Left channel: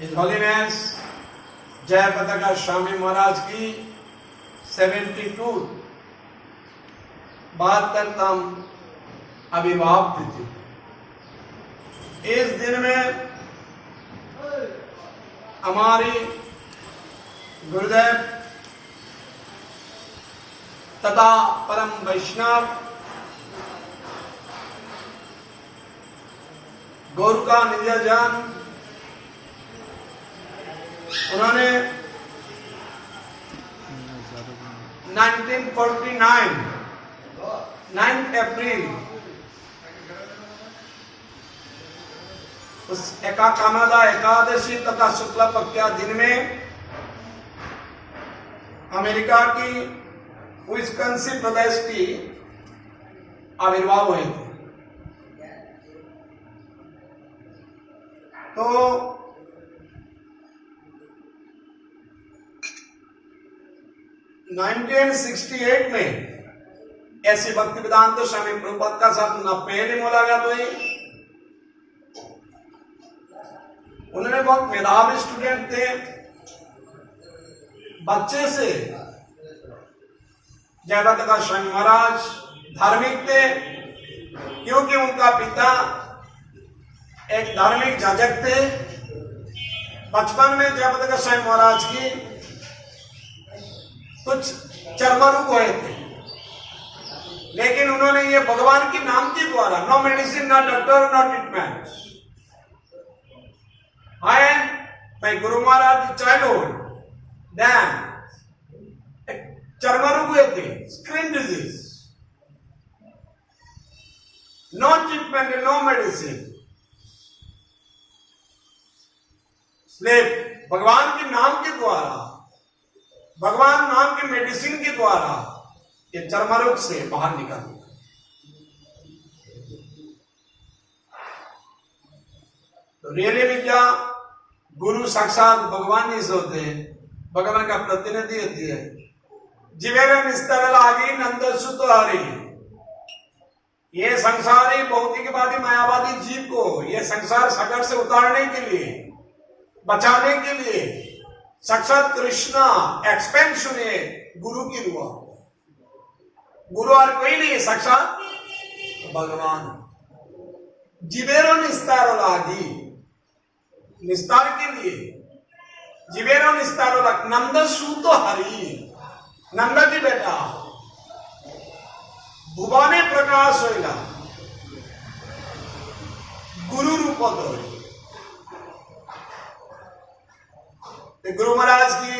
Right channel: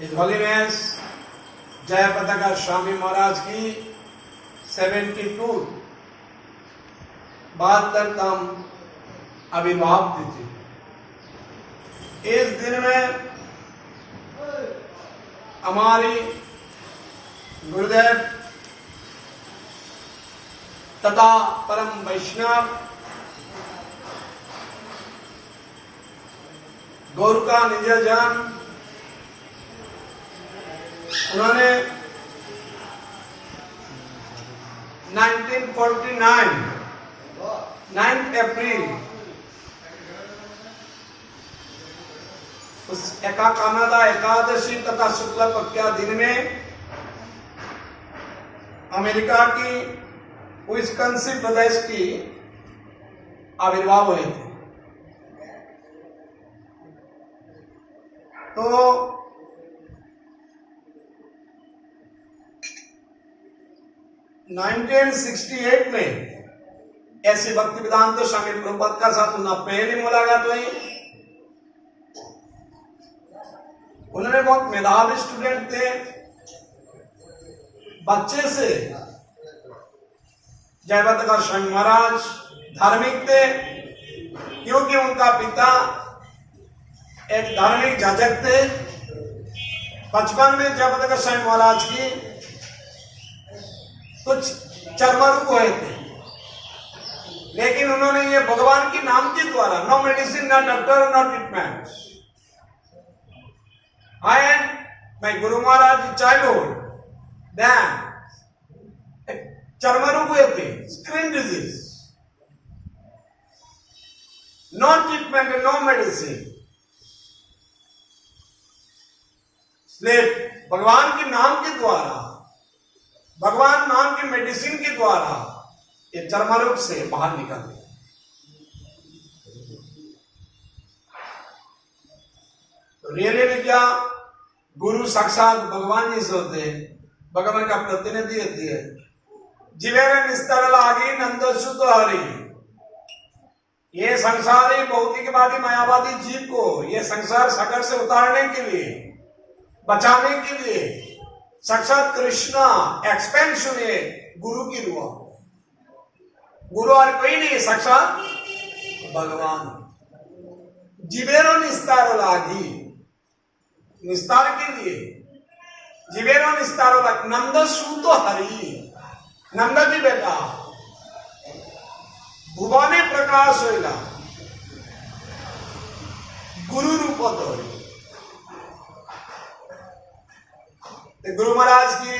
His Holiness जय पताका स्वामी महाराज की 72 72तम आविर्भाव तिथि। इस दिन में हमारी गुरुदेव तथा परम वैष्णव गोरखा निजजन उन्होंने 1949 9 अप्रैल उस एकाकामदा एकादशी तथा शुक्ल पक्ष दिन में अमेरिका की विस्कॉन्सिन प्रदेश की आविर्भाव हुए थे। तो नाइनटीन 1968 में ऐसी भक्ति वेदांत स्वामी प्रभुपाद का साथ उनका पहली मुलाकात हुई। उन्होंने बहुत मेधावी स्टूडेंट थे। बच्चे से जयपत का स्वामी महाराज धार्मिक थे, क्योंकि उनका पिता एक धार्मिक जाजक थे। बचपन में जयपत का स्वामी महाराज की कुछ चर्मरोग हुए थे, लेकिन उन्होंने ये भगवान के नाम के द्वारा, no medicine, no doctor, no treatment, and my guru Maharaj childhood then चर्मरोग हुए थे, skin disease, no treatment, no medicine. इसलिए भगवान के नाम के द्वारा, भगवान नाम के मेडिसिन के द्वारा ये चर्मरोग से बाहर निकल गया। तो रियली में क्या गुरु साक्षात भगवान ही होते हैं, भगवान का प्रतिनिधि होती है। जीवेर निस्तर लागी नंद सुत हरि। ये संसारी भौतिकवादी मायावादी जीव को ये संसार सागर से उतारने के लिए, बचाने के लिए साक्षात कृष्णा एक्सपेंशन है गुरु की रुआ। गुरु और कोई नहीं, साक्षात भगवान। जिबेरो निस्तारो लागी, निस्तार के लिए जिबेरो निस्तारो लागी। नंद सूतो हरि, नंद की बेटा भुवने प्रकाश होइला गुरु रूप दो। गुरु महाराज की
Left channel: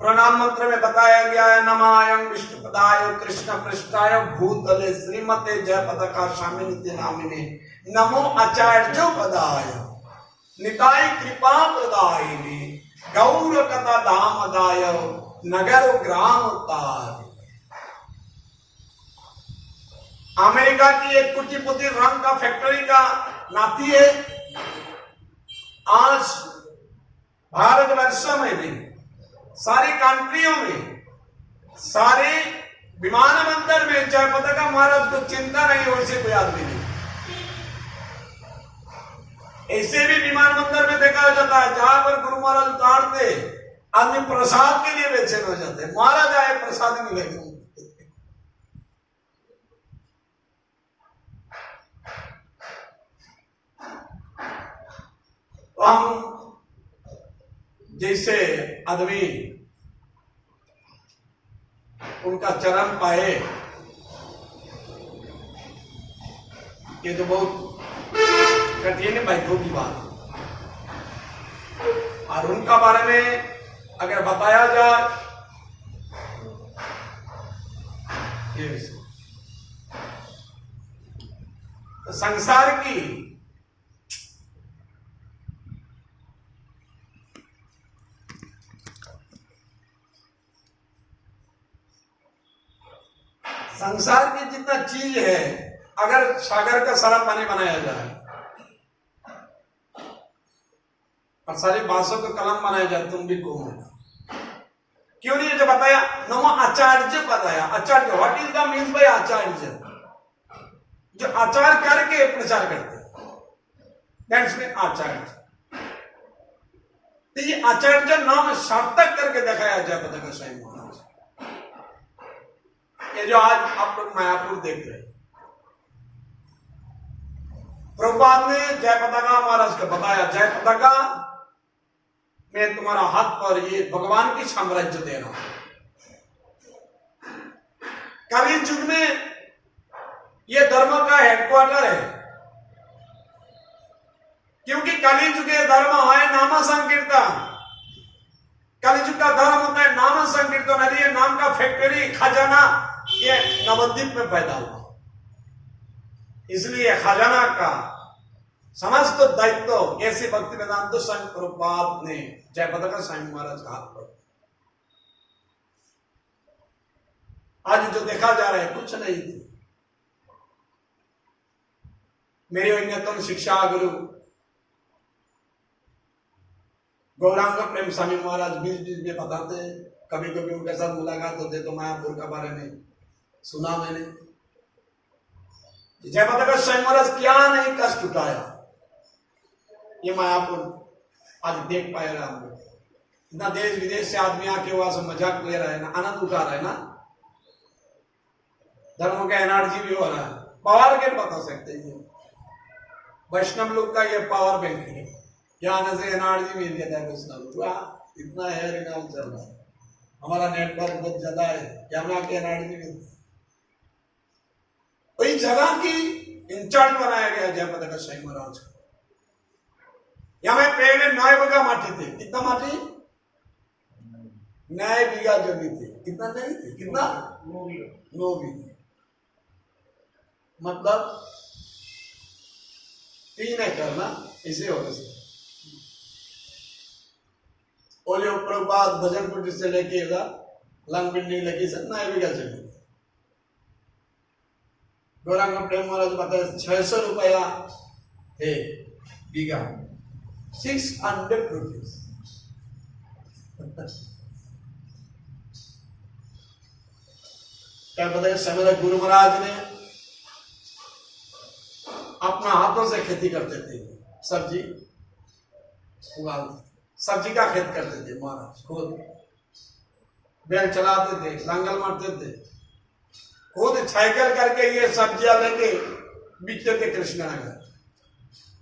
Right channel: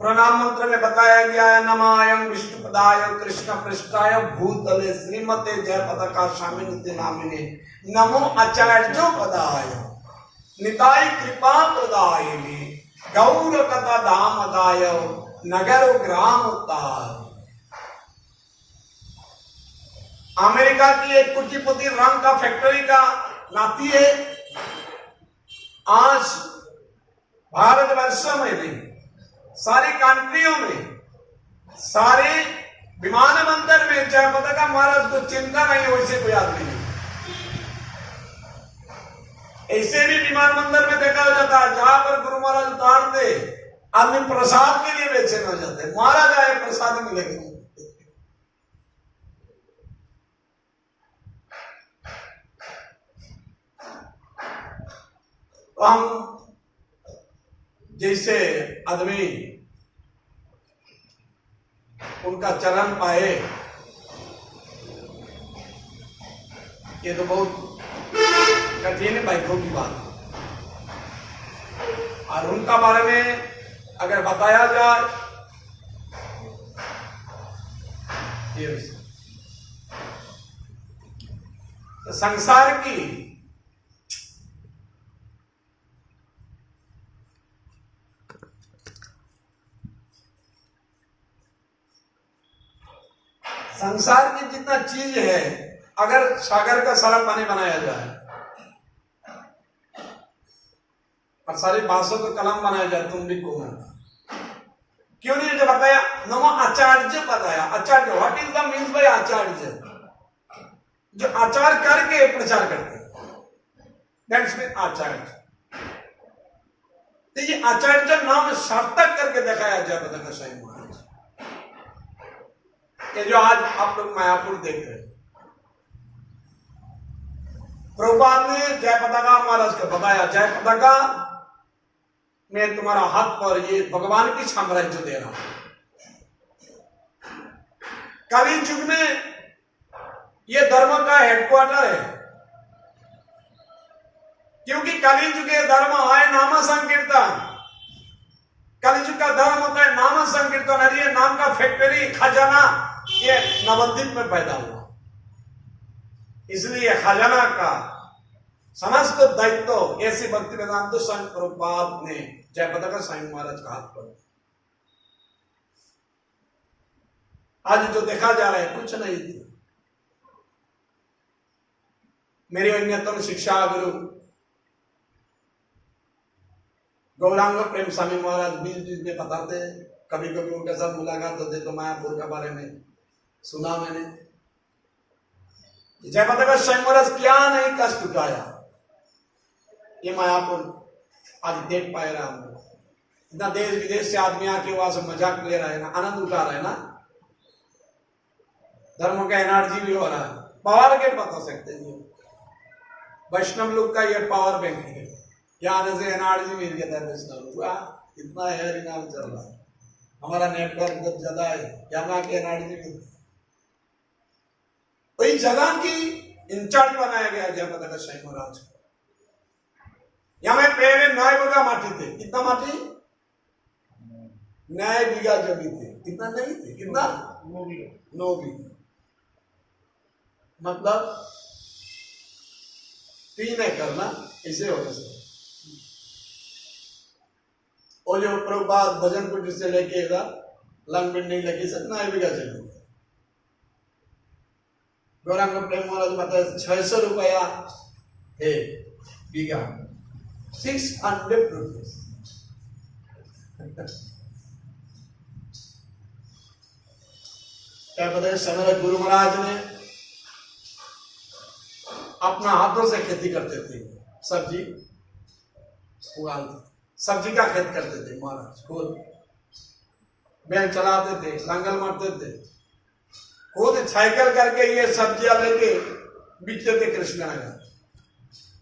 प्रणाम मंत्र में बताया गया है, नमायं विष्णुपदाय कृष्ण पृष्ठाय भूतले श्रीमते जय पताका स्वामिनिति नामिने नमो आचार्य पदाय निताय कृपा प्रदायिने गौर कथा धामदाय नगर ग्राम ताय। अमेरिका की एक कुटीपुती रंग का फैक्ट्री का नाती है। आज भारतवर्षों में भी, सारी कंट्रियों में, सारे विमानबंदर में जय पताका महाराज को चिंता नहीं हो, इसे कोई आदमी नहीं। ऐसे भी विमानबंदर में देखा जाता है जहां पर गुरु महाराज उतारते आदमी प्रसाद के लिए बेचैन हो जाते हैं। महाराज आए प्रसाद मिलेगा। तो हम जैसे आदमी उनका चरण पाए, ये तो बहुत कठिन भाग्यों की बात है। और उनका बारे में अगर बताया जाए, तो संसार की जितना चीज है, अगर सागर का सारा पानी बनाया जाए और सारी बांसों का कलम बनाया जाए, तुम भी कौन? क्यों नहीं जो बताया? नमो आचार्य बताया। आचार्य, what is the means by आचार्य? जो आचार करके प्रचार करते, दैट्स मीन आचार्य। तो ये आचार्य नाम सार्थक करके दिखाया जयपताका साईं महाराज। ये जो आज आप लोग मायापुर देख रहे हैं, प्रभुपाद ने जयपताका महाराज को बताया, जयपताका मैं तुम्हारा हाथ पर ये भगवान की साम्राज्य दे रहा हूं। कलि युग में ये धर्म का हेडक्वार्टर है, क्योंकि कलि युग धर्म है नाम संकीर्तन। कलि युग का धर्म होता है नाम संकीर्तन। और ये नाम का फैक्ट्री खजाना ये नवद्वीप में पैदा हुआ, इसलिए खजाना का समस्त दायित्व ऐसे भक्ति वेदांत स्वामी प्रभुपाद ने जयपताका साईं महाराज का हाथ पर। आज जो देखा जा रहा है कुछ नहीं थी। मेरे अन्यतम शिक्षा गुरु गौरांग प्रेम स्वामी महाराज बीच बीच में बताते हैं, कभी कभी उनके साथ मुलाकात होते तो मायापुर के बारे में सुना मैंने। जयपताका साईं महाराज क्या नहीं कष्ट उठाया, ये मायापुर आज देख पाए रहा हम लोग। इतना देश विदेश से आदमी आके वहां से मजाक ले रहा है ना, आनंद उठा रहा है ना, धर्म का एनर्जी भी हो रहा है। पावर गेट बता सकते हैं, वैष्णव लोग का ये पावर बैंक है। यहाँ आने से एनर्जी मिल जाता है वैष्णव लोग, इतना है इनाम चल रहा है, हमारा नेटवर्क बहुत ज्यादा है, यहाँ के एनर्जी मिलती है। वही जगह की इंचार्ज बनाया गया जयपताका साईं महाराज को। यहाँ में पहले 9 बीघा माटी थे। कितना माटी? 9 बीघा जमीन थी। कितना नहीं थे? कितना? 9 बीघा। मतलब 3 एकड़ ना, ऐसे होगा सर। और जो प्रभुपाद भजन कुटी से लेके लंगबिंडी लगी सर 9 बीघा जमीन। गौरांग प्रेम महाराज बताया 600 रुपया है बीघा, 600 रुपीज। क्या बताया, समय गुरु महाराज ने अपना हाथों से खेती करते थे, सब्जी उगाते, सब्जी का खेत करते थे महाराज खुद। बैल चलाते थे, लांगल मारते थे, खुद साइकिल करके ये सब्जियां लेके बेचते थे कृष्णनगर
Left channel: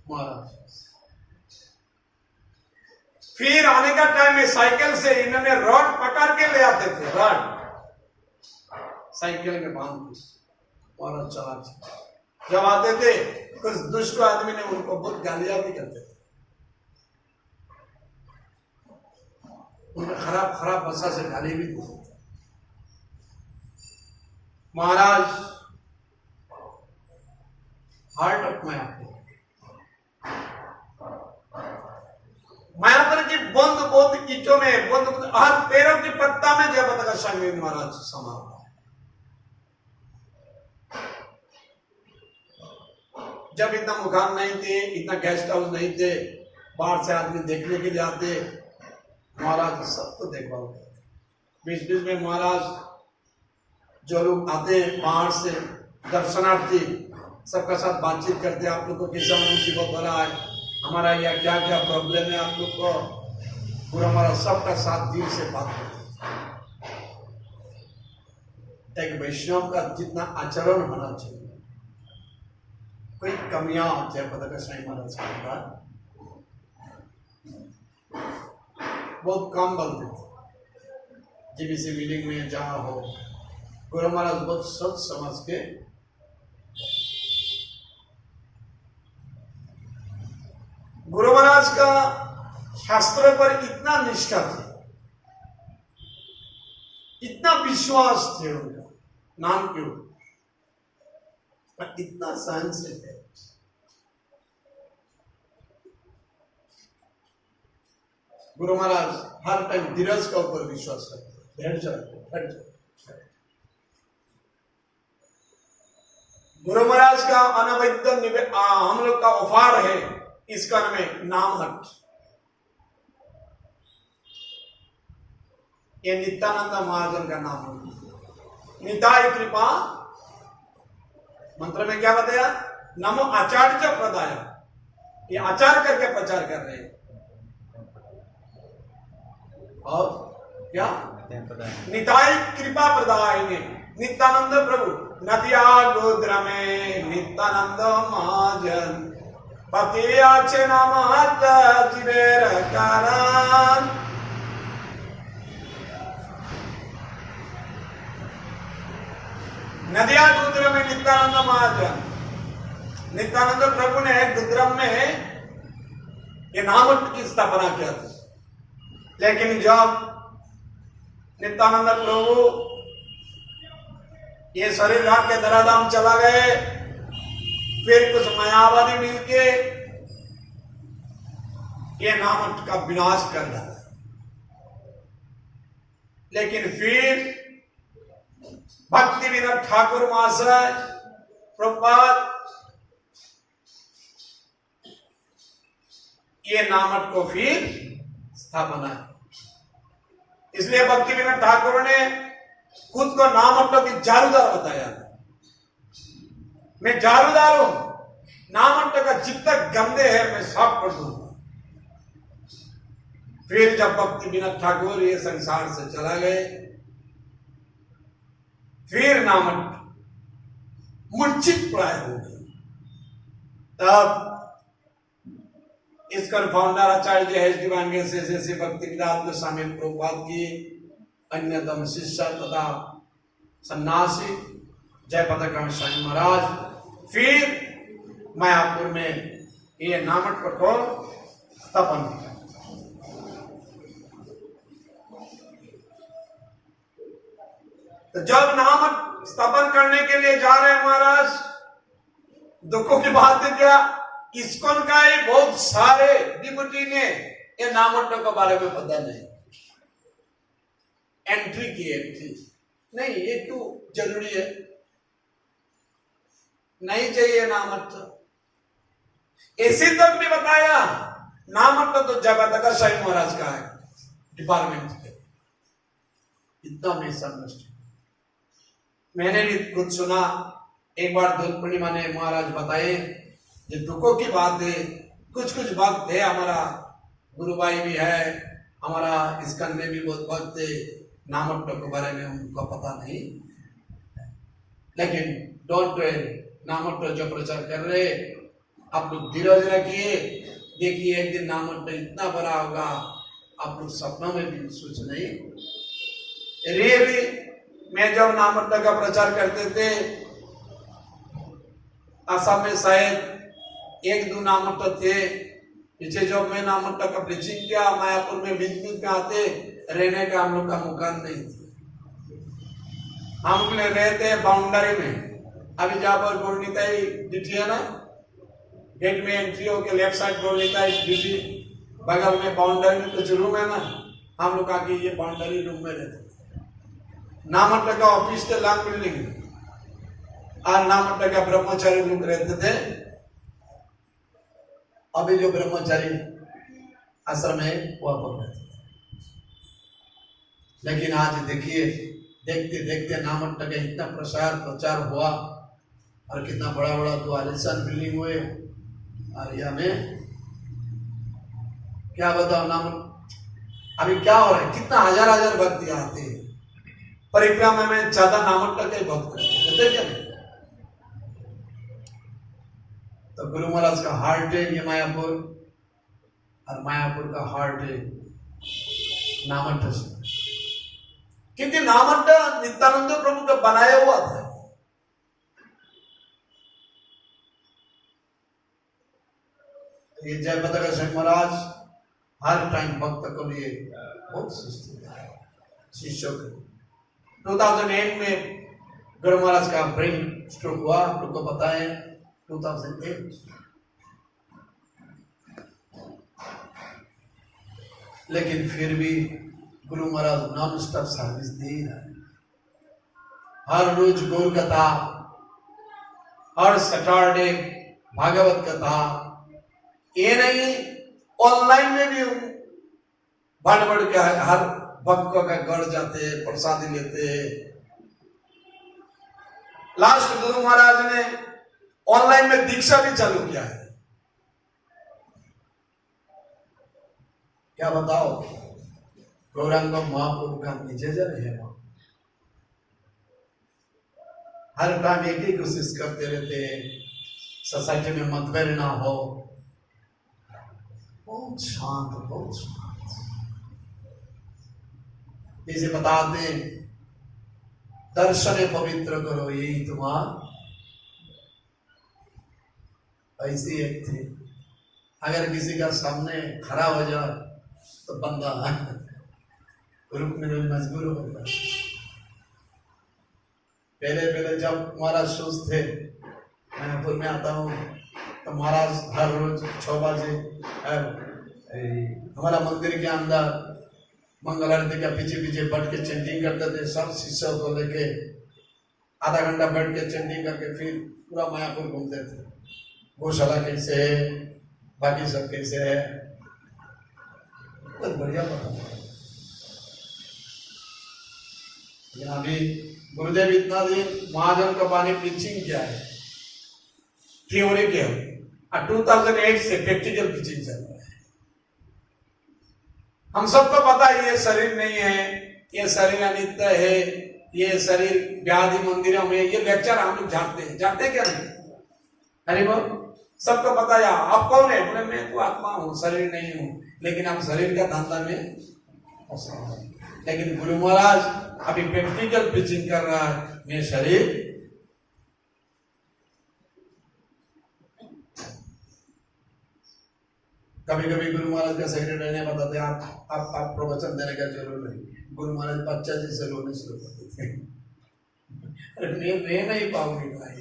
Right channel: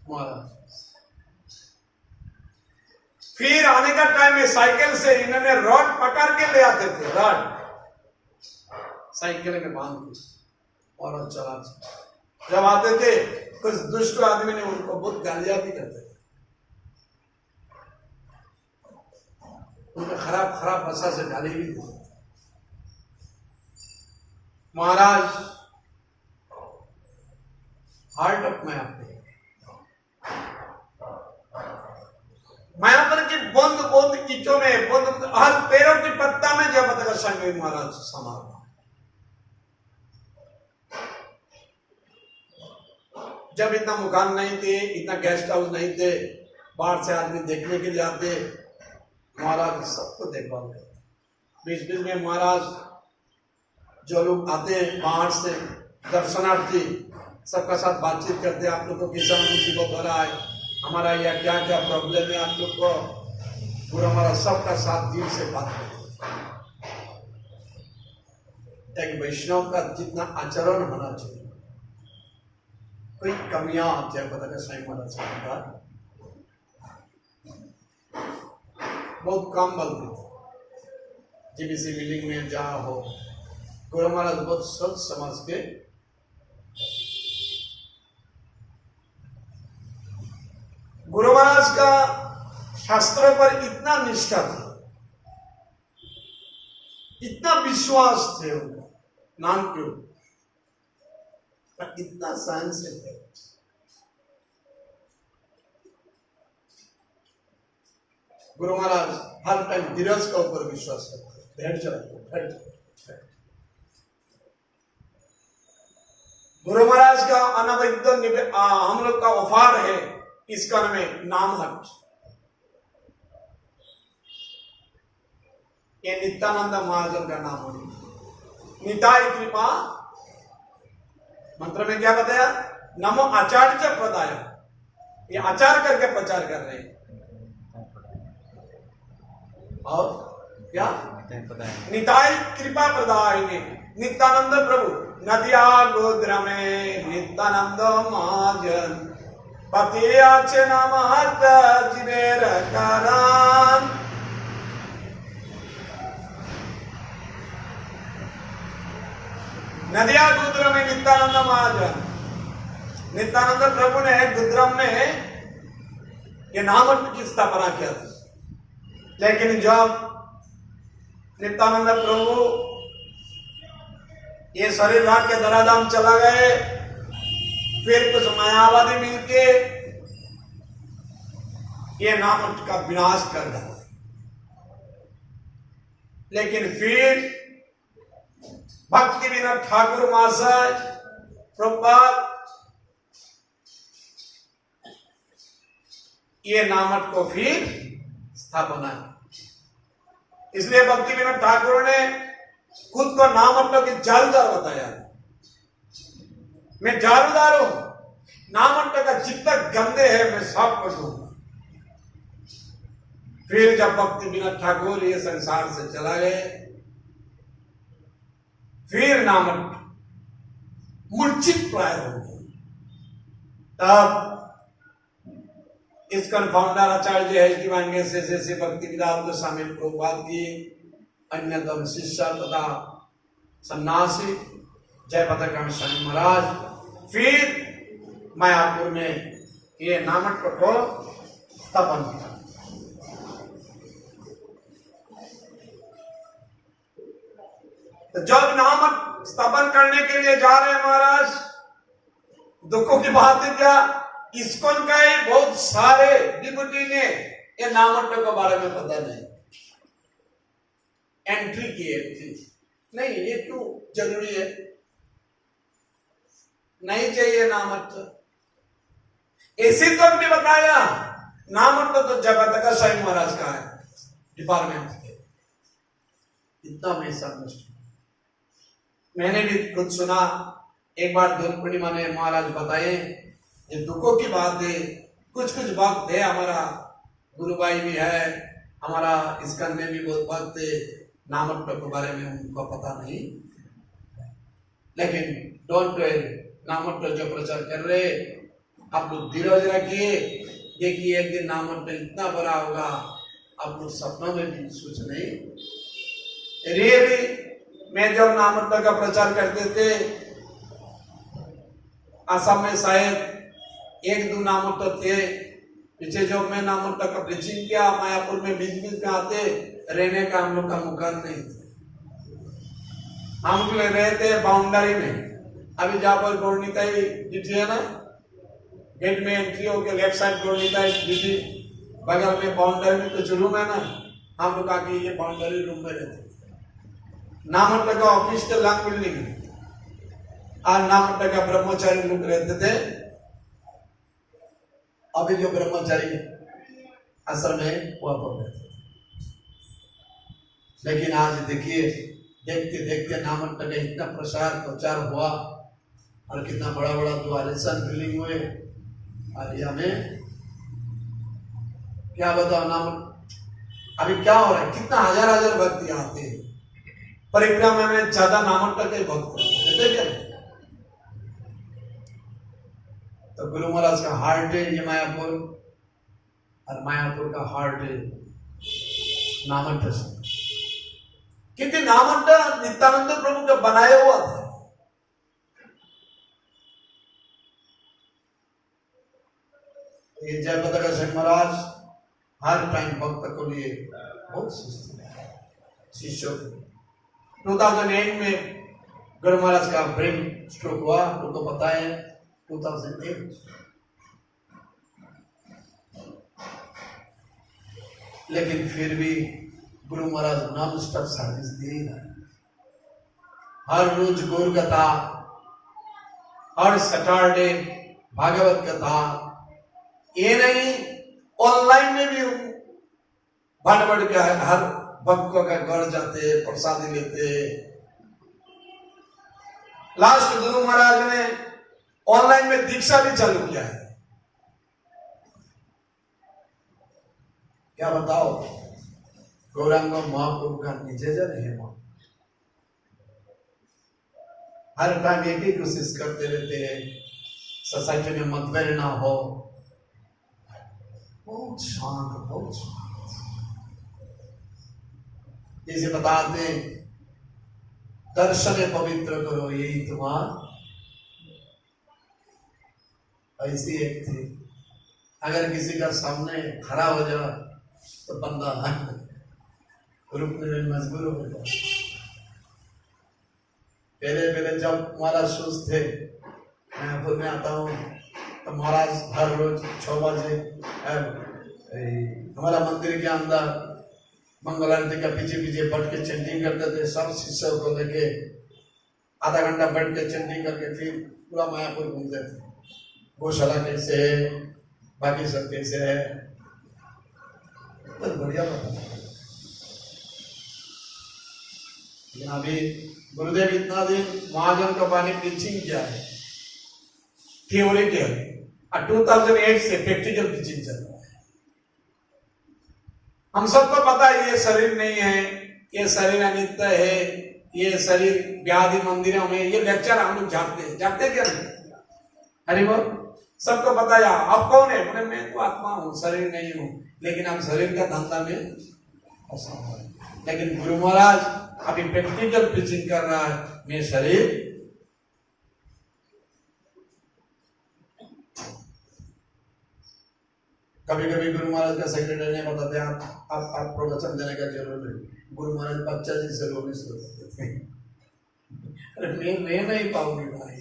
महाराज। फिर आने का टाइम में साइकिल से इन्होंने रॉड पकड़ के ले आते थे, रॉड साइकिल में बांध के और चला। जब आते थे कुछ दुष्ट आदमी ने उनको बहुत गालियां भी करते थे, उनको खराब खराब भाषा से गाली भी देते थे। महाराज हार्ट ऑफ मायापुर की बंद बंद कीचों में, बंद हर पैरों की पत्ता में जयपताका साईं महाराज समा हुआ। जब इतना मकान नहीं थे, इतना गेस्ट हाउस नहीं थे, बाहर से आदमी देखने के लिए आते, महाराज सबको देखभाल करते। बीच बीच में महाराज जो लोग आते हैं बाहर से दर्शनार्थी, सबका साथ बातचीत करते, आप लोग को किस मुसीबत हो रहा है, हमारा यह क्या क्या प्रॉब्लम है, आप लोग को पूरा हमारा सबका साथ दिल से बात करते। एक वैष्णव का जितना आचरण होना चाहिए, कोई कमियां जयपताका साईं महाराज का बहुत कम बोलते थे। जीबीसी मीटिंग में जहां हो, गुरु महाराज बहुत सोच समझ के गुरु महाराज का शास्त्र पर इतना निष्ठा थी, इतना विश्वास थे उनका नाम क्यों, इतना सहनशील है। गुरु महाराज हर टाइम धीरज का ऊपर विश्वास करते, धैर्य रखते। गुरु महाराज का अनवद्य हम लोग का उपहार है इस कर्म में नाम हट। ये नित्यानंद महाजन का नाम है। निताय कृपा मंत्र में क्या बताया, नमो आचार्य प्रदाय, ये आचार करके प्रचार कर रहे हैं। और क्या पता है निताई कृपा प्रदायिनी नित्यानंद प्रभु नदिया गोद्र में नित्यानंद महाजन पतियाचे नामहत जिवेर करान। नदिया गुद्रम में नित्यानंद महाजन, नित्यानंद प्रभु ने गुद्रम में ये नामट की स्थापना किया था। लेकिन जब नित्यानंद प्रभु ये शरीर रात के धराधाम चला गए, फिर कुछ मायावादी मिलके ये नामट का विनाश कर डाला। लेकिन फिर भक्ति विनोद ठाकुर महाशय प्रभुपाद ये नामट को फिर स्थापना की। इसलिए भक्ति विनोद ठाकुर ने खुद को नामट्टों की जारूदार बताया। मैं जारूदार हूं, नामट्टों का जितना गंदे है मैं साफ कर दूंगा। फिर जब भक्ति विनोद ठाकुर ये संसार से चला गए, फिर नामट मूर्छित प्राय हो गए। तब इसका फाउंडर आचार्य एच डी वांगे से भक्ति विदाल गोस्वामी प्रभुपाद की अन्यतम शिष्य तथा सन्यासी जयपताकांत स्वामी महाराज फिर मायापुर में ये नामट को स्थापन किया। तो जब नामट स्थापन करने के लिए जा रहे हैं महाराज, दुखों की बात है क्या, इस्कॉन का ही बहुत सारे डिप्टी ने ये नामट्टों के बारे में पता नहीं, एंट्री की थी। नहीं, ये क्यों जरूरी है, नहीं चाहिए नामट्ट। इसी तो भी बताया नामट्ट तो जगत स्वामी महाराज का है डिपार्टमेंट के। इतना में संतुष्ट। मैंने भी खुद सुना, एक बार दोल पूर्णिमा ने महाराज बताए, ये दुखों की बात है। कुछ कुछ भक्त है, हमारा गुरुभाई भी है, हमारा स्कंद में भी बहुत भक्त है, नामट्टों के बारे में उनको पता नहीं। लेकिन डोंट वरी, नामट्टो जो प्रचार कर रहे आप लोग धीरज रखिए, देखिए एक दिन नामट्टो इतना बड़ा होगा आप लोग सपनों में भी सोच नहीं। रियली मैं जब नामट्टो का प्रचार करते थे, असम में शायद एक दो नामट्टो थे। पीछे जब मैं नामट्टो का प्रीचिंग किया, मायापुर में बीच बीच में आते, रहने का हम लोग का मकान नहीं था। हम लोग रहते बाउंड्री में। अभी जहाँ पर गौरनीताई डिटी है ना, गेट में एंट्री होकर लेफ्ट साइड गौरनीताई डिटी, बगल में बाउंड्री में कुछ रूम है ना, हम लोग आके ये बाउंड्री रूम में रहते। नामट्टो का ऑफिस के लॉन्ग बिल्डिंग और नामट्टो का ब्रह्मचारी लोग रहते थे। अभी जो ब्रह्मचारी आश्रम है वहां पर रहते थे। लेकिन आज देखिए, देखते देखते नामट्टो का इतना प्रचार हुआ और कितना बड़ा बड़ा दो आलिशान बिल्डिंग हुए। और ये हमें क्या बताओ, नाम अभी क्या हो रहा है, कितना हजार हजार भक्त आते हैं परिक्रमा में, ज्यादा नामट्टो के भक्त कहते क्या। तो गुरु महाराज का हार्ट है ये मायापुर, और मायापुर का हार्ट है नामट्टो से, क्योंकि नामट्टो नित्यानंद प्रभु का बनाया हुआ था। ये जयपताका स्वामी महाराज हर टाइम भक्त को लिए बहुत शिष्यों को। 2008 में गुरु महाराज का ब्रेन स्ट्रोक हुआ, आप लोग को पता है, 2008। लेकिन फिर भी Guru Maharaj non stop service दे रहे हैं। हर रोज गौर कथा, हर सैटरडे भागवत कथा, ये नहीं ऑनलाइन में भी बढ़ के हर भक्तों का घर जाते हैं, प्रसादी लेते हैं। लास्ट गुरु महाराज ने ऑनलाइन में दीक्षा भी चालू किया है। क्या बताओ, गौरांग महाप्रभु का निज जन है। हर टाइम एक ही कोशिश करते रहते हैं सोसाइटी में मतभेद ना हो। बहुत शांत, बहुत शांत। जैसे बताते दर्शन पवित्र करो, यही तुम्हारा। ऐसी एक थी, अगर किसी का सामने खड़ा हो जाए तो बंदा रुकने में मजबूर हो जाता। पहले जब महाराज शूज थे, मैं पुर में आता हूँ तो महाराज हर रोज 6 बजे हमारा मंदिर के अंदर मंगल आरती का पीछे पीछे बैठ के चैंटिंग करते थे। सब शिष्यों को लेके आधा घंटा बैठ के चैंटिंग करके फिर पूरा मायापुर घूमते थे। गौशाला कैसे है, बाकी सब कैसे है, तो बढ़िया पता। लेकिन अभी गुरुदेव इतना दिन महाजन का पानी टीचिंग क्या है, थ्योरी क्या है, 2008 से प्रैक्टिकल टीचिंग चल रहा है। हम सबको पता है ये शरीर नहीं है, ये शरीर अनित्य है, ये शरीर व्याधि मंदिरों में, ये लेक्चर हम लोग जानते हैं क्या नहीं? अरे वो सबको पता है। आप कौन है? बोले मैं तो आत्मा हूँ, शरीर नहीं हूँ। लेकिन हम शरीर का धंधा में फंसा हुआ है। लेकिन गुरु महाराज अभी प्रैक्टिकल टीचिंग कर रहा है, मैं शरीर। कभी कभी गुरु महाराज का सेक्रेटरी ने बताते आप प्रवचन देने का जरूर नहीं। गुरु महाराज बच्चा जी से रोने शुरू कर देते हैं। अरे मैं नहीं पाऊंगी भाई।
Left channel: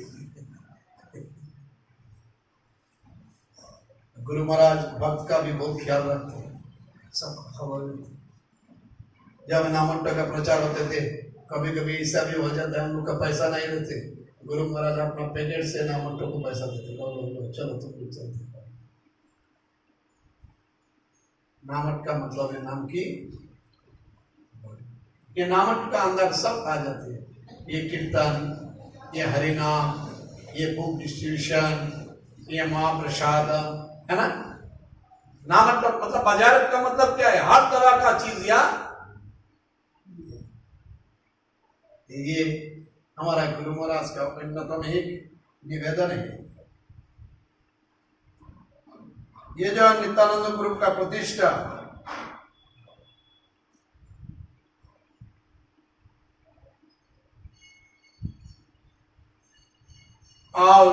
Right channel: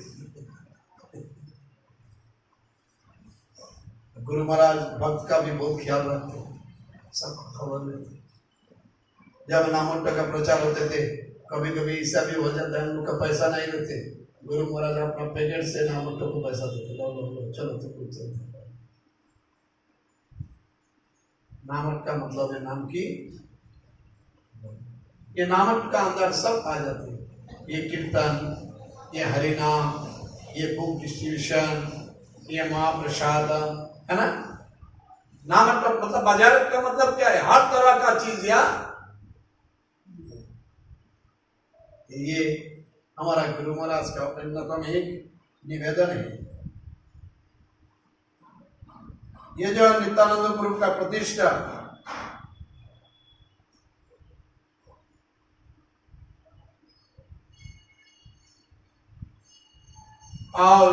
गुरु महाराज भक्त का भी बहुत ख्याल रखते हैं, सबको खबर देते। जब नामट्टा का प्रचार होते थे, कभी कभी ऐसा भी हो जाता है हम लोग का पैसा नहीं देते, गुरु महाराज अपना पैकेट से नामट्टो को पैसा देते। लो चलो तुम लोग चलते। नामट का मतलब है नाम की। ये नामट का अंदर सब आ जाते हैं। ये कीर्तन, ये हरिनाम, ये बुक डिस्ट्रीब्यूशन, ये महाप्रसाद, है ना। नामक का मतलब बाजार का मतलब क्या है? हर तरह का चीज। या ये हमारा गुरु महाराज का अन्यतम ही निवेदन है। ये जो नित्यानंद गुरु का प्रतिष्ठा, और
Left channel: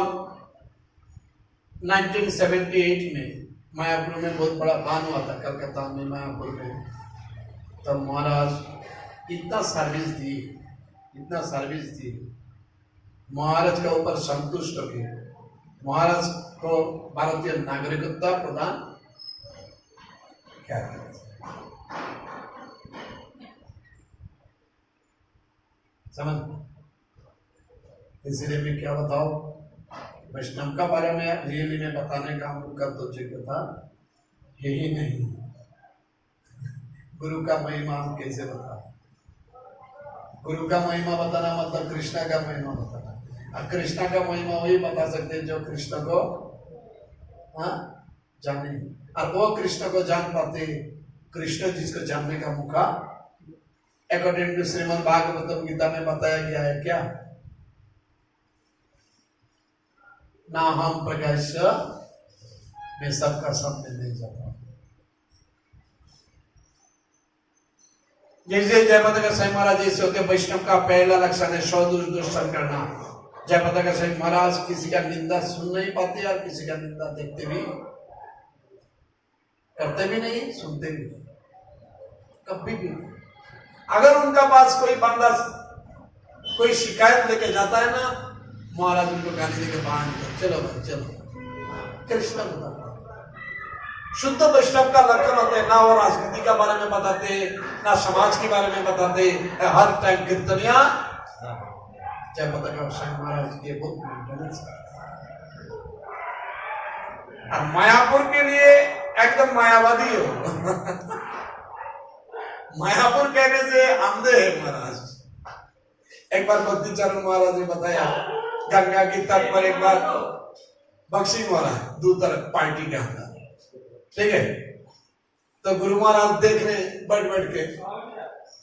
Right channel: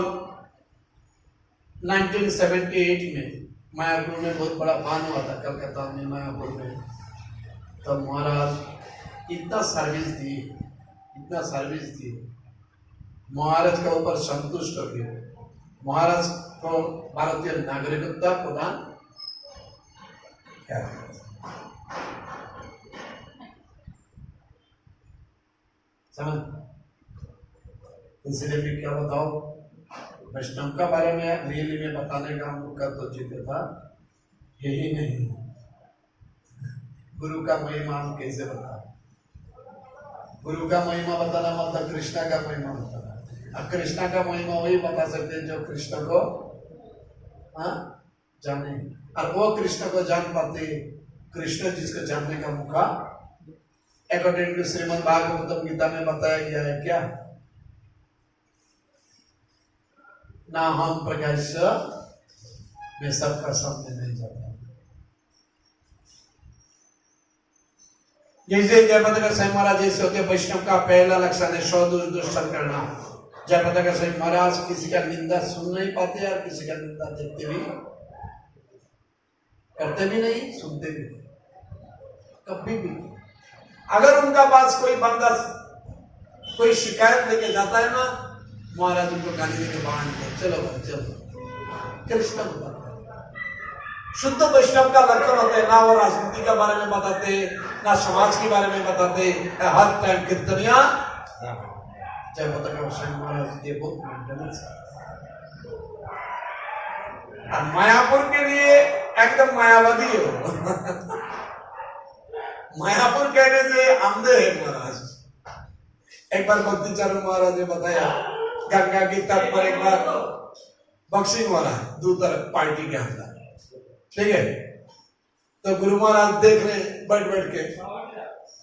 1978 में मायापुर में बहुत बड़ा बांध हुआ था, कलकत्ता में मायापुर में। तब महाराज इतना सर्विस दी, महाराज के ऊपर संतुष्ट होकर महाराज को भारतीय नागरिकता प्रदान क्या समझ। इसलिए मैं क्या बताओ, वैष्णव का बारे में रियली में बताने का हम लोग का तो जिक्र था यही नहीं। गुरु का महिमा हम कैसे बताएं? गुरु का महिमा बताना मतलब कृष्णा का महिमा बताना। अब कृष्णा का महिमा वही बता सकते हैं जो कृष्ण को जाने, और वो कृष्ण को जान पाते कृष्ण जिसको जानने का मौका अकॉर्डिंग टू श्रीमद् भागवतम गीता में बताया गया है। क्या? ना हम प्रकाश में सबका सामने नहीं जाता। जैसे जयपताका गोसाई महाराज जैसे होते वैष्णव का पहला लक्षण है स्वदुष्टन करना। जयपताका गोसाई महाराज किसी का निंदा सुन नहीं पाते और किसी का निंदा देखते भी, करते भी नहीं, सुनते भी नहीं, कभी भी। अगर उनका पास कोई बंदा कोई शिकायत लेके जाता है ना, महाराज उनको गाली देके बाहर निकल, चलो भाई चलो। कृष्ण बता शुद्ध वैष्णव का लक्षण होते हैं। ना वो राजनीति के बारे में बताते, ना समाज के बारे में बताते, हर टाइम कीर्तनिया। जयपताका गोसाई महाराज ये बहुत मेंटेनेंस है। मायापुर के लिए एकदम मायावादी हो। मायापुर कहने से अंधे है महाराज। एक बार भक्ति चरण महाराज ने बताया, गंगा की तट पर एक बार बक्सिंग हो रहा है दो तरफ पार्टी के अंदर, ठीक है। तो गुरु महाराज देख रहे बैठ बैठ के।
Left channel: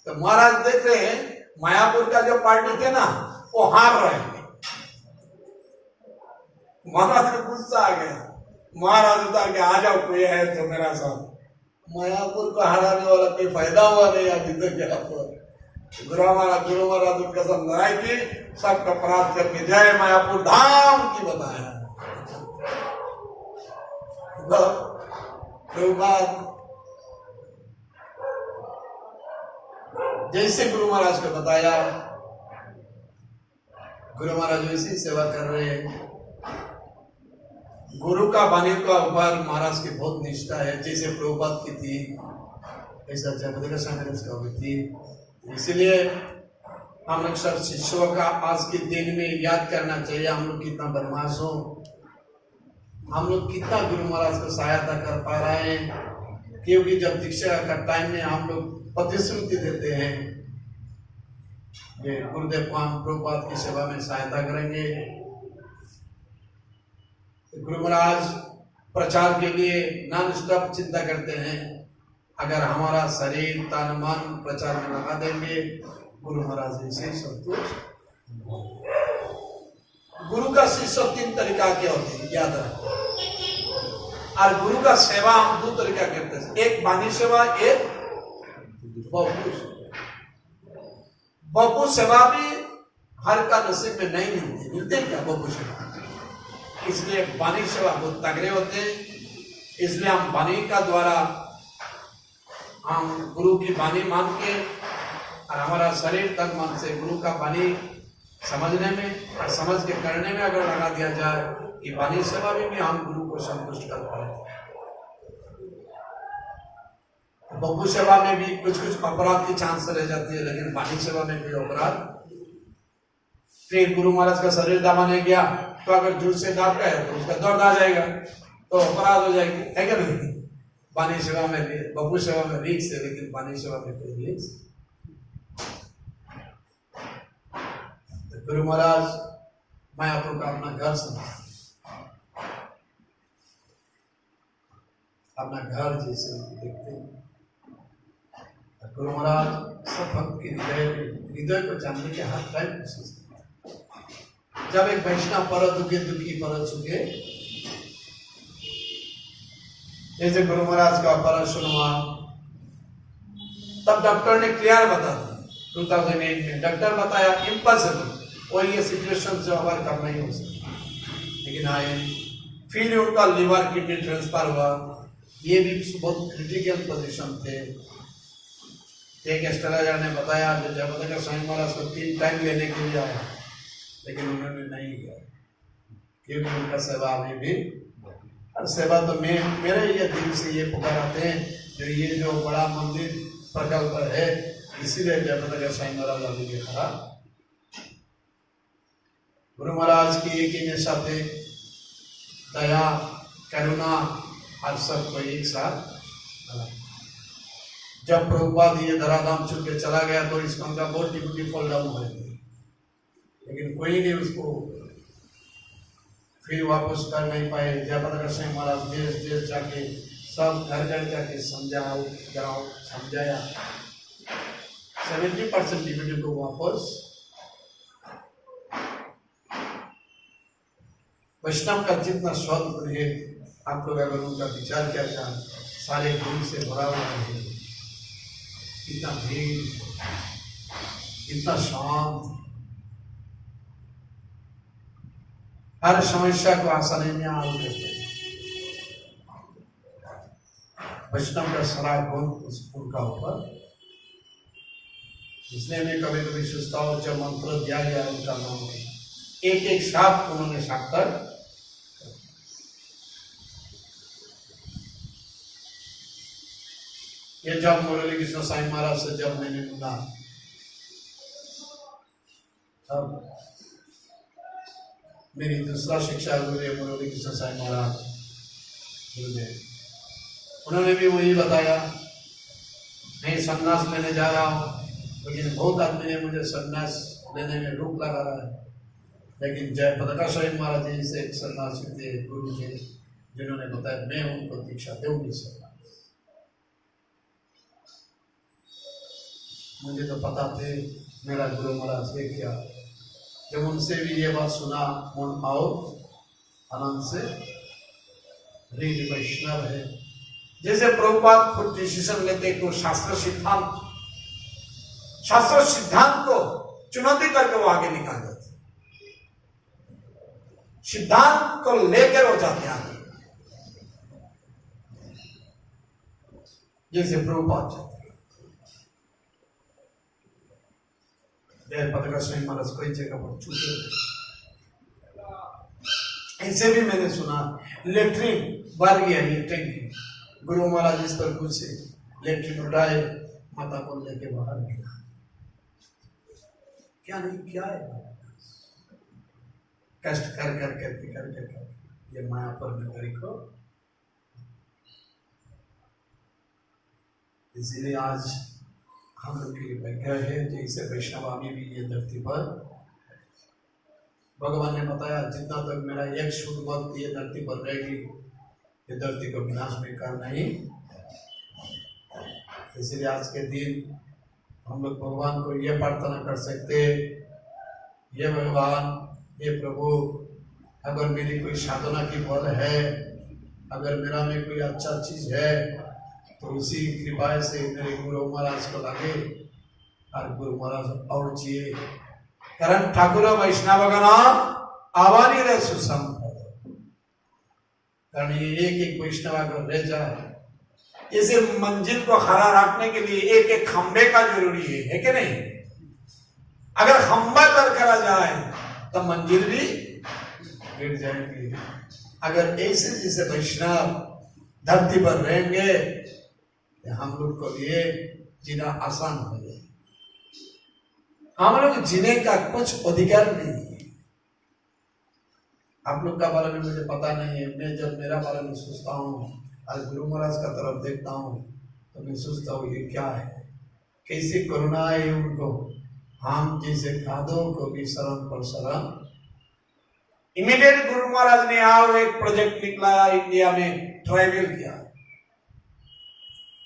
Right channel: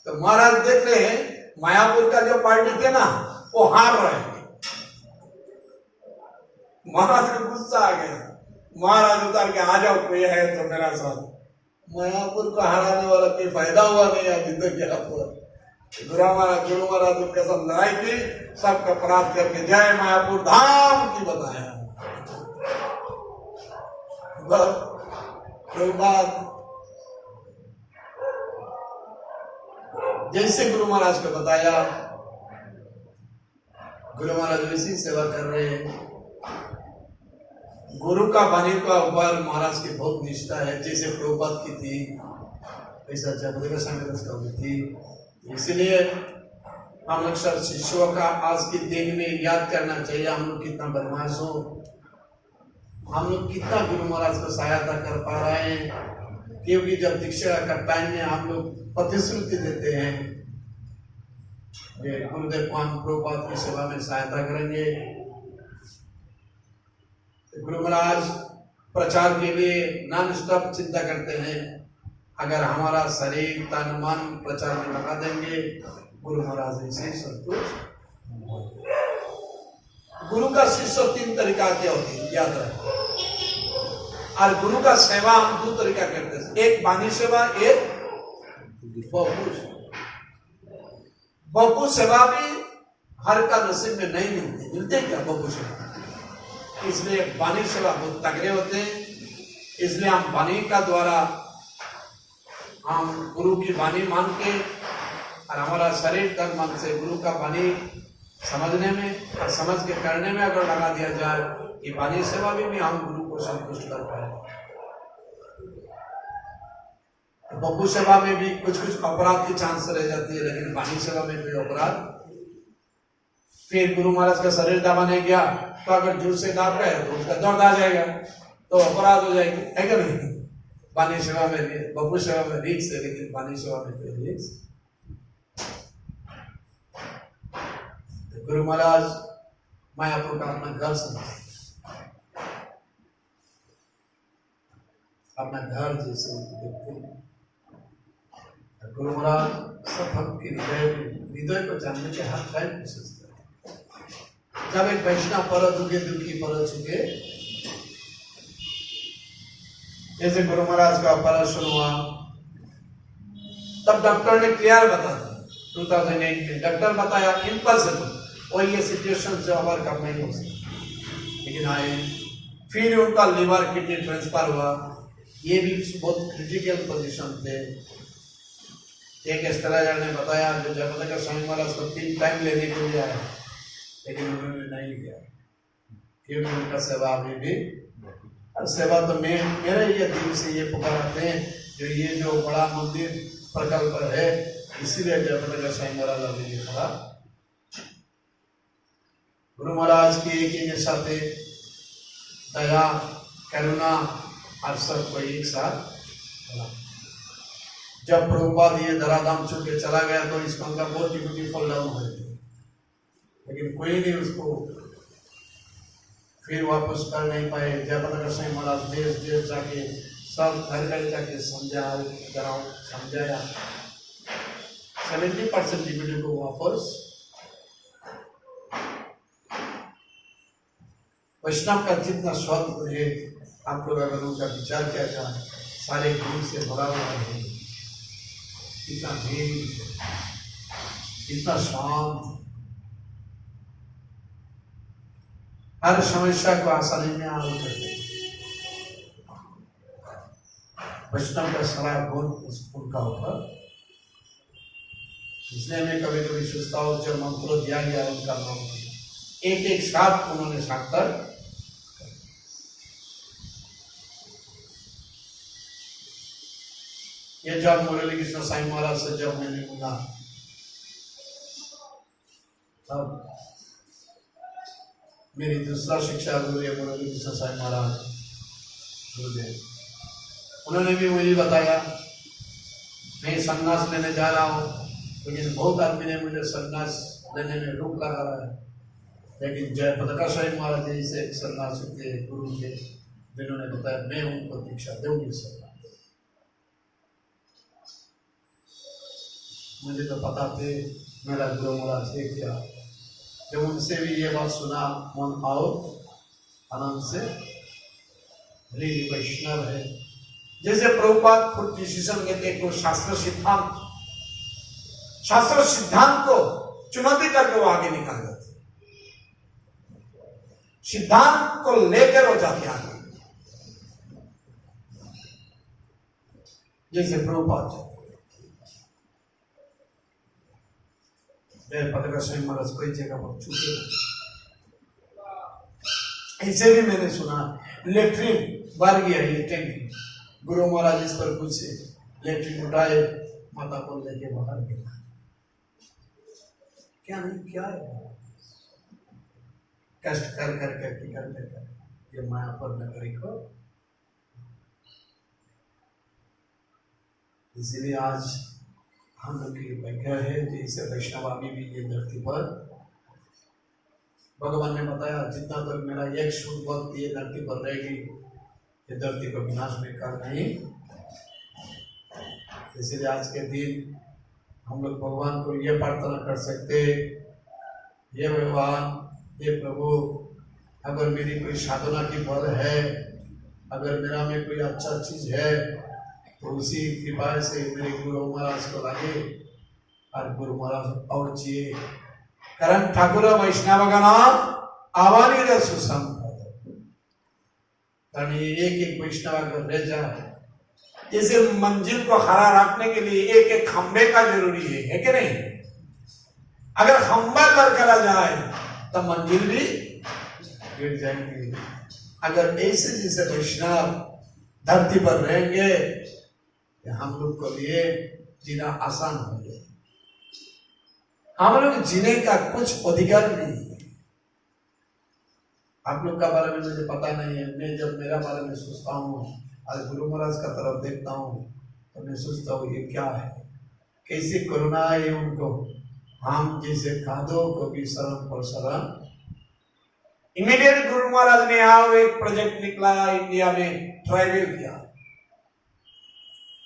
तो महाराज देख रहे हैं मायापुर का जो पार्टी थे ना वो हार रहे हैं। महाराज को गुस्सा आ गया। महाराज उतार के आ जाओ, कोई है तो मेरा साथ। मायापुर को हराने वाला कोई फायदा हुआ नहीं अभी तक यहाँ पर। गुरु महाराज उनके साथ लड़ाई की, सबका परास्त करके जय मायापुर धाम की बताया। जैसे गुरु महाराज को बताया, गुरु महाराज वैसी सेवा कर रहे हैं। गुरु का वाणी का ऊपर महाराज की बहुत निष्ठा है। जैसे प्रभुपाद की थी ऐसा जयप्रकाश स्वामी का भी थी। इसलिए हम लोग सब शिष्यों का आज के दिन में याद करना चाहिए, हम लोग कितना बदमाश हो, हम लोग कितना गुरु महाराज को सहायता कर पा रहे हैं। क्योंकि जब दीक्षा का टाइम में हम लोग प्रतिश्रुति देते हैं कि गुरुदेव को हम प्रभुपाद की सेवा में सहायता करेंगे। गुरु महाराज प्रचार के लिए नॉन स्टॉप चिंता करते हैं। अगर हमारा शरीर तन मन प्रचार में लगा देंगे, गुरु महाराज इसे संतुष्ट। गुरु का शिष्य 3 तरीका के होते हैं, याद रखो। और गुरु का सेवा हम 2 तरीका करते हैं, एक वाणी सेवा, एक बपू सेवा भी हर का नसीब में नहीं मिलती। मिलते क्या बपू सेवा? इसलिए वाणी सेवा बहुत तगड़े होते हैं। इसलिए हम वाणी का द्वारा हम गुरु की वाणी मान के और हमारा शरीर तन मन से गुरु का वाणी समझने में और समझ के करने में अगर लगा दिया जाए कि वाणी सेवा में भी हम गुरु को संतुष्ट कर पाए। बपू सेवा में भी कुछ कुछ अपराध की चांस रह जाती है, लेकिन वाणी सेवा में कोई अपराध। फिर गुरु महाराज का शरीर दबाने गया तो अगर जुड़ से दाब गया तो उसका दर्द आ जाएगा, तो अपराध हो जाएगी, है क्या नहीं? वाणी सेवा में, बपू सेवा में रिक्स है, लेकिन वाणी सेवा में कोई रिक्स। तो गुरु महाराज मायापुर का अपना घर समझते, अपना घर जैसे देखते हैं। गुरु महाराज सब भक्त के हृदय को जानने के हर टाइम कोशिश करते। जब एक वैष्णव पर दुखे दुखी पर चुके, जैसे गुरु महाराज का ऑपरेशन हुआ, तब डॉक्टर ने क्लियर बता दिया 2008 में। डॉक्टर बताया इम्पॉसिबल, और ये सिचुएशन से ओवरकम नहीं हो सकती, लेकिन आए। फिर उनका लिवर किडनी ट्रांसफर हुआ, ये भी बहुत क्रिटिकल पोजीशन थे। एक एस्ट्रोलॉजर ने बताया जो जयप्रकाश स्वामी महाराज को 3 टाइम लेने के लिए आया, लेकिन उन्होंने नहीं किया क्योंकि उनका सेवा अभी भी। और सेवा तो मेरे ये दिल से ये पुकाराते हैं जो ये जो बड़ा मंदिर प्रकल्प है, इसीलिए जयप्रकाश स्वामी महाराज अभी भी खड़ा। गुरु महाराज की एक ही साथ दया करुणा और सबको एक साथ खड़ा। जब प्रभुपाद ये धराधाम छोड़ के चला गया तो इस का बहुत डिप्यूटी फॉल डाउन हुए थे, लेकिन कोई नहीं उसको फिर वापस कर नहीं पाए। जयप्रकाश स्वामी महाराज देश देश जाके सब घर घर जाके समझाया 70% डिप्यूटी को वापस। वैष्णव का जितना शब्द है, आप लोग अगर उनका विचार क्या चाहें, सारे गुरु से भरा हुआ है। इतना धीर, इतना शांत, हर समस्या को आसानी में हल करते। वैष्णव का सारा गुण उनका ऊपर। इसलिए मैं कभी कभी सोचता हूँ जब मंत्र दिया गया उनका नाम एक एक साथ उन्होंने साकर। ये जब मुरली कृष्ण साईं महाराज से जब मैंने सुना, तब मेरी दूसरा शिक्षा गुरु है मुरली कृष्ण साईं महाराज गुरुदेव, उन्होंने भी मुझे बताया मैं संन्यास लेने जा रहा हूँ, लेकिन बहुत आदमी ने मुझे संन्यास लेने में रोक लगा रहा है। लेकिन जयप्रकाश स्वामी महाराज जी से एक सन्यासी थे, गुरु थे, जिन्होंने बताया मैं उनको दीक्षा दूंगी। मुझे तो पता थे मेरा गुरु महाराज ये क्या। जब उनसे भी ये बात सुना, मन आओ आनंद से रीति वैष्णव है। जैसे प्रभुपाद खुद डिसीजन लेते को शास्त्र सिद्धांत को चुनौती करके वो आगे निकाल देते, सिद्धांत को लेकर हो जाते आगे। जैसे प्रभुपाद जाते पत्रकार स्वयं महाराज कोई जगह पर छूटे। ऐसे भी मैंने सुना लेट्रिन बार गया टैंकी, गुरु महाराज इस पर पूछे, लेट्रिन उठाए, माता को लेके बाहर गया। क्या नहीं क्या है, कष्ट कर ये माया पर नगरी को। इसीलिए आज हम लोग की भाग्य है जैसे वैष्णव अभी भी ये धरती पर भगवान ने बताया जितना तक तो मेरा एक शुद्ध भक्त ये धरती पर रहेगी, ये धरती को विनाश में कर नहीं। इसलिए आज के दिन हम लोग भगवान को ये प्रार्थना कर सकते, ये भगवान, ये प्रभु, अगर मेरी कोई साधना की फल है, अगर मेरा में कोई अच्छा चीज है तो उसी कृपा से मेरे गुरु महाराज को लगे और गुरु महाराज और चाहिए। कारण ठाकुर वैष्णव का नाम आवानी रे सुसंग। कारण ये एक वैष्णव अगर रह जाए, इसे मंजिल को खड़ा रखने के लिए एक एक खंबे का जरूरी है कि नहीं? अगर खंबा कर करा जाए तो मंजिल भी गिर जाएंगी। अगर ऐसे जैसे वैष्णव धरती पर रहेंगे तो हम लोग को लिए जीना आसान हो जाए। हम लोग जीने का कुछ अधिकार नहीं है। आप लोग का बारे में मुझे पता नहीं है। मैं जब मेरा बारे में सोचता हूँ और गुरु महाराज का तरफ देखता हूँ तो मैं सोचता हूँ ये क्या है, कैसी करुणा है उनको। हम जैसे कादों को भी शरण पर शरण। इमीडिएट गुरु महाराज ने आओ एक प्रोजेक्ट निकला इंडिया में, ट्राइबल किया।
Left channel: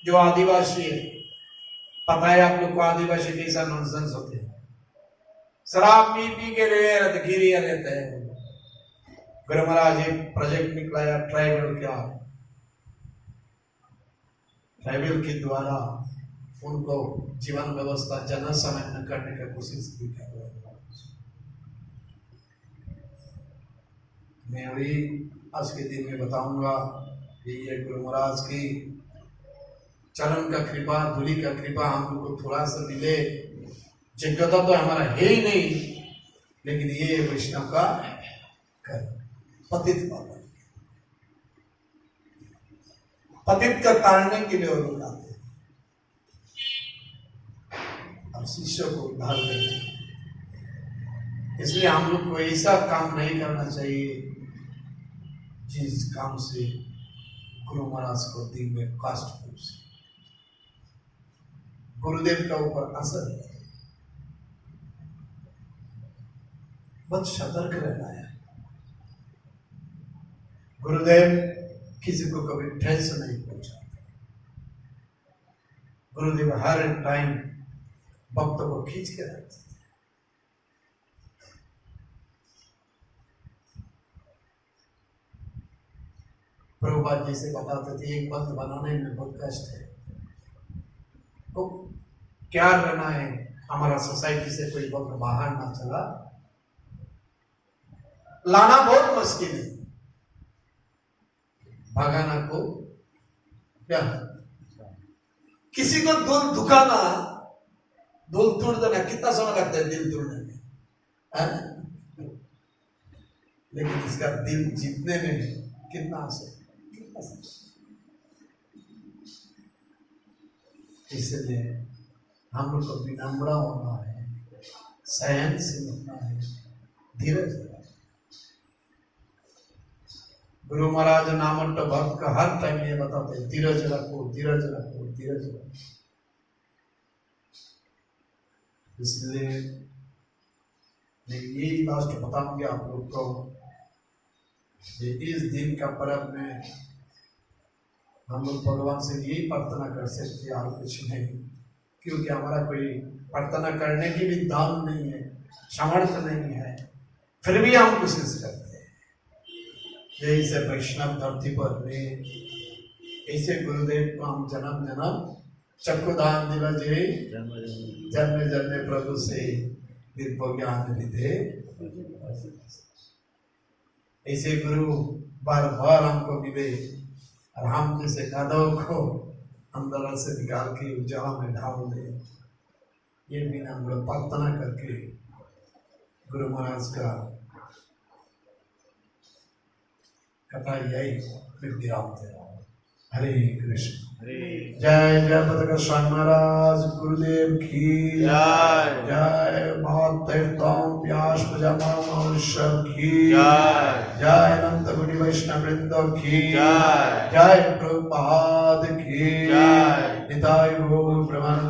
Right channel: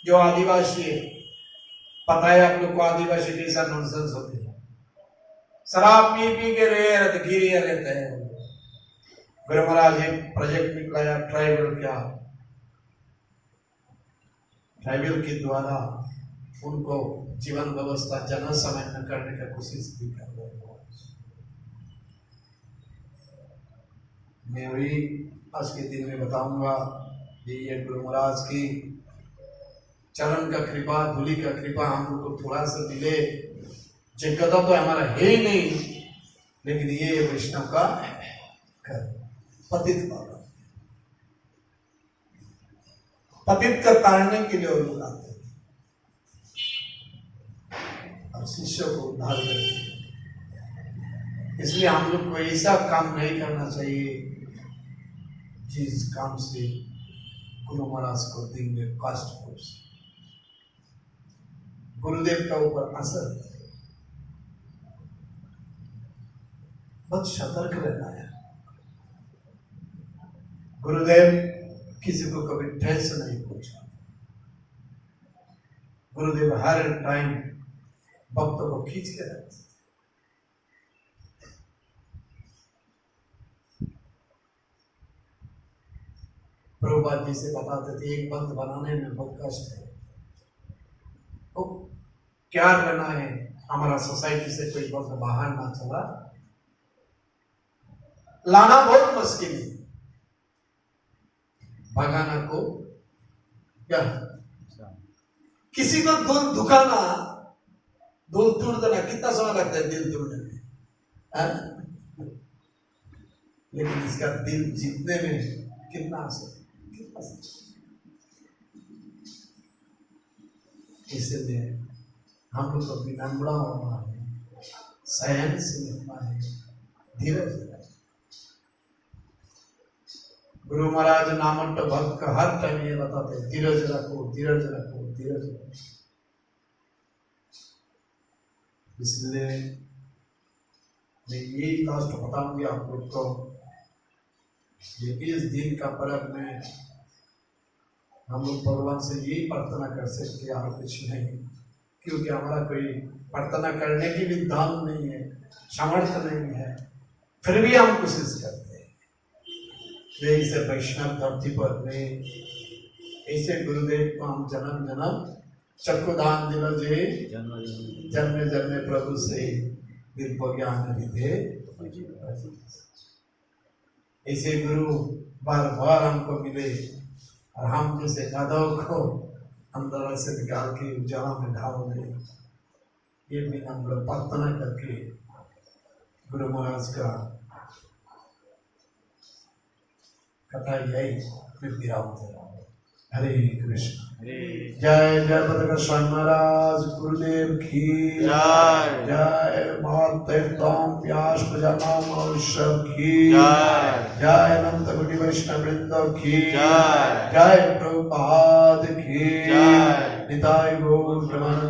जो आदिवासी है, पता है आप लोग को आदिवासी कैसा नॉनसेंस होते हैं, शराब पी पी के गिरिया रहते हैं। गुरु महाराज एक प्रोजेक्ट निकलाया ट्राइबल क्या, ट्राइबल के द्वारा उनको जीवन व्यवस्था जन सामान्य करने का कोशिश भी कर रहे हैं। मैं वही आज के दिन में बताऊंगा ये गुरु महाराज की चरण का कृपा, धूलि का कृपा हम लोग को थोड़ा सा मिले। जगता तो हमारा है ही नहीं, लेकिन ये वैष्णव का पतित बाबा, पतित का तारने के लिए लोग आते हैं और शिष्य को उद्धार करते हैं। इसलिए हम लोग को ऐसा काम नहीं करना चाहिए जिस काम से गुरु महाराज को दिल में कष्ट हो, गुरुदेव का ऊपर असर। बहुत सतर्क रहना है। गुरुदेव किसी को कभी ठेस नहीं पहुंचाते। गुरुदेव हर टाइम भक्त को खींच के रखते। प्रभुपाद जी से बताते थे एक भक्त बनाने में बहुत कष्ट है। तो क्या रहना है, हमारा सोसाइटी से कोई भक्त बाहर ना चला, लाना बहुत मुश्किल है। भगाना को क्या, किसी को दिल दुखाना, दिल तोड़ देना कितना समय लगता है दिल तोड़ने में, लेकिन इसका दिल जीतने में कितना असर। इसलिए हम लोग को विनम्र होना है, संयम से होना है, धीरज। गुरु महाराज नामंत भक्त का हर टाइम ये बताते हैं, धीरज रखो, धीरज रखो, धीरज रखो। इसलिए मैं यही लास्ट बताऊंगी आप लोग को, इस दिन का पर्व में हम लोग भगवान से यही प्रार्थना कर सकते हैं और कुछ नहीं, क्योंकि हमारा कोई प्रार्थना करने की भी दाम नहीं है, सामर्थ्य नहीं है, फिर भी हम कोशिश करते हैं। जैसे वैष्णव धरती पर में ऐसे गुरुदेव को हम जन्म जन्म चक्षुदान दिल जे जन्म जन्म प्रभु से दिव्य ज्ञान विधे। ऐसे गुरु बार बार हमको मिले और हम जैसे गाधव को अंदर से निकाल के उजाला में ढाल दे। ये भी हम लोग प्रार्थना करके गुरु महाराज का कथा यही विराम दे रहा हूँ। हरे कृष्ण। जय जय पताका स्वामी महाराज गुरुदेव की जय। जय महातीर्थम व्यास प्रजामा मनुष्य की जय। जय अनंत कोटि वैष्णव वृंद की जय। जय प्रभुपाद की जय। निताय गौर ब्रह्मानंद